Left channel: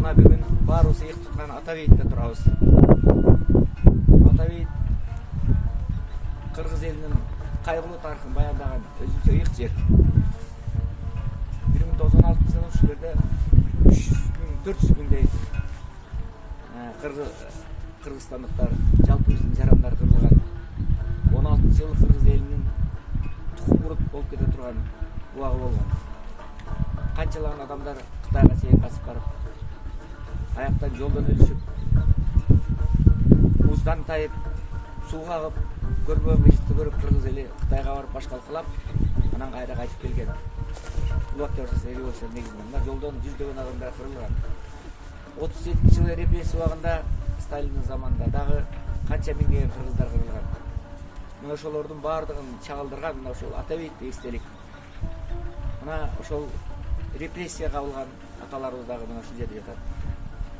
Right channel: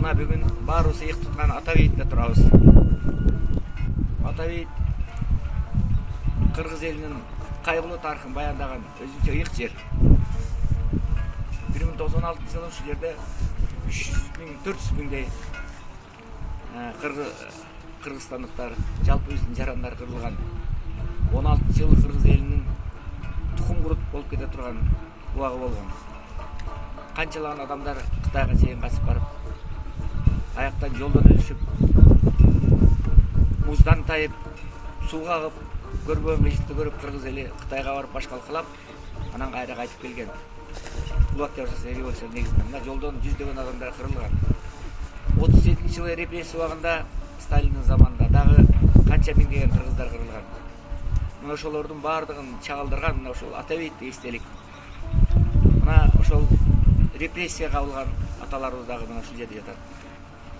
мына бүгүн баарыбыз ыйык туткан ата бейитте турабыз. Ата бейит кыргыз элинин кайгылуу тарыхын баяндаган өзүнчө ыйык жер. 1996 жылы ушул жерде 300 миңдей кыргызстандыктар, жалпы биздин жарандар кырылган. 16 жыл кыргыз элинин тукум курут болуп кете турган убагы болгон. Канчалаган адамдар Кытайга чейин качып барып, аяктан жолдон өлүшүп, муздан тайып, сууга агып, көрбөгөн кыйынчылыкты көрүп кыргыз эли Кытайга барып баш калкалап, анан кайра кайтып келген. Улуу октябрь революциясынын негизинен мына жолдон жүздөгөн адамдар кырылган. 37 жылы репрессия убагында Сталиндин заманында дагы канча миңдеген кыргыздар кырылган. Мына ошолордун баардыгын чагылдырган мына ошол ата бейитте эстелик. Мына ошол репрессия кабылган аталарыбыз дагы мына ушул жерде жатат.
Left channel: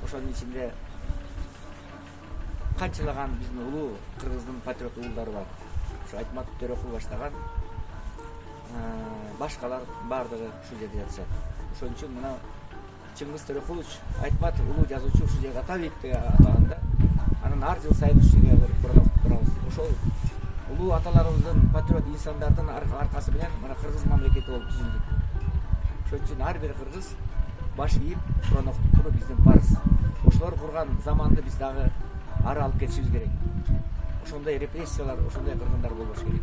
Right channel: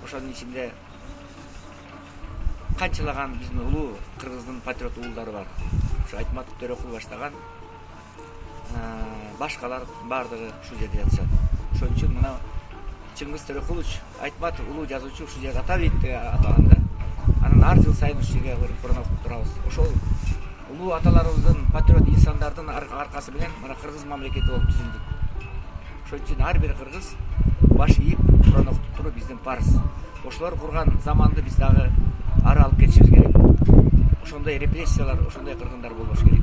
Ошонун ичинде канчалаган биздин улуу кыргыздын патриот уулдары бар. Ушу Айтматов Төрөкул баштаган башкалар баардыгы ушул жерде жатышат. Ошон үчүн мына Чыңгыз Төрөкулович Айтматов улуу жазуучу ушул жерде ата бейитте аталганда, анан ар жыл сайын ушул жерге барып курматтап турабыз. Ошол улуу аталарыбыздын патриот инсандардын аркасы менен мына кыргыз мамлекети болуп түзүлдүк. Ошон үчүн ар бир кыргыз баш ийип Куран окутуп туруу биздин парыз. Ошолор курган заманды биз дагы ары алып кетишибиз керек. Ошондой репрессиялар, ошондой кыргындар болбош керек.